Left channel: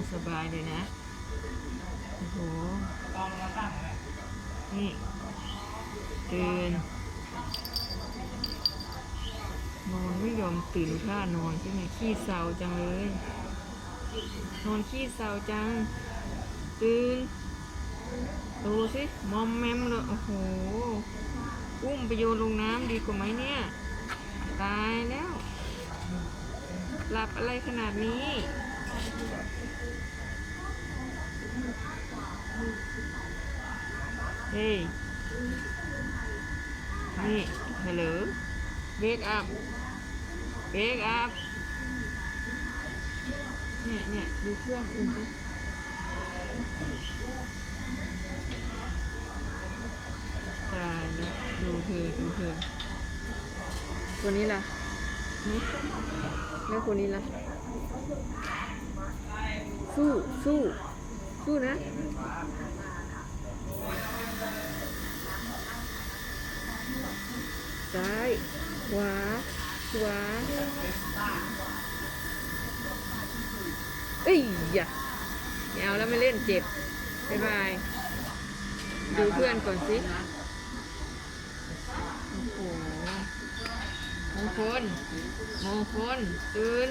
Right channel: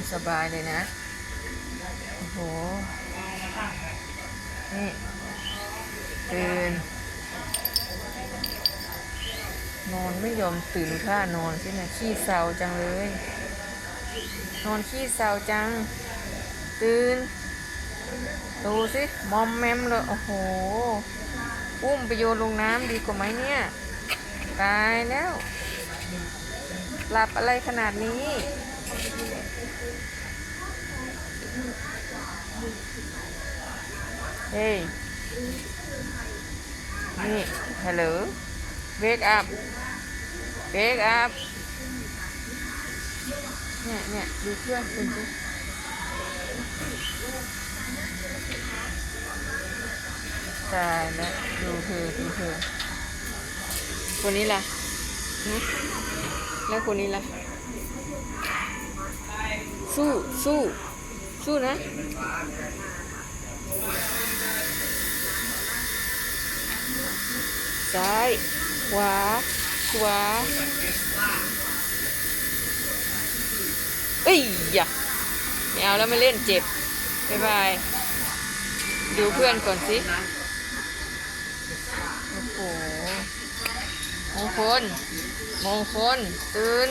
อนสบายเลยนะโอ้โหนี่ตื่นนอนไม่ยอมตื่นท่านอนใช่ไหมขี้เศร้าจังเลยนอนขี้เศร้าจังตื่นดูสิมอมแมมเลยโอ้โหอุ้มไปโยนลงน้ำดีกว่าไหมเนี่ยตายแล้วหลับอะไรขนาดนี้เฮ้ยนี่ฮัลโหลเวกอัพเวกอัพเนี่ยดูเพื่อนคุณสิตายแล้วดูเธอคนนี้ล่ะแล้วคนนี้ล่ะสู้นะซ้ายขวาเอ้ยอย่าไม่เอาแล้วไม่เล่นเจ็บบ๊ายบายดูเพื่อนก่อนสิโอ้โหมงคลตื่น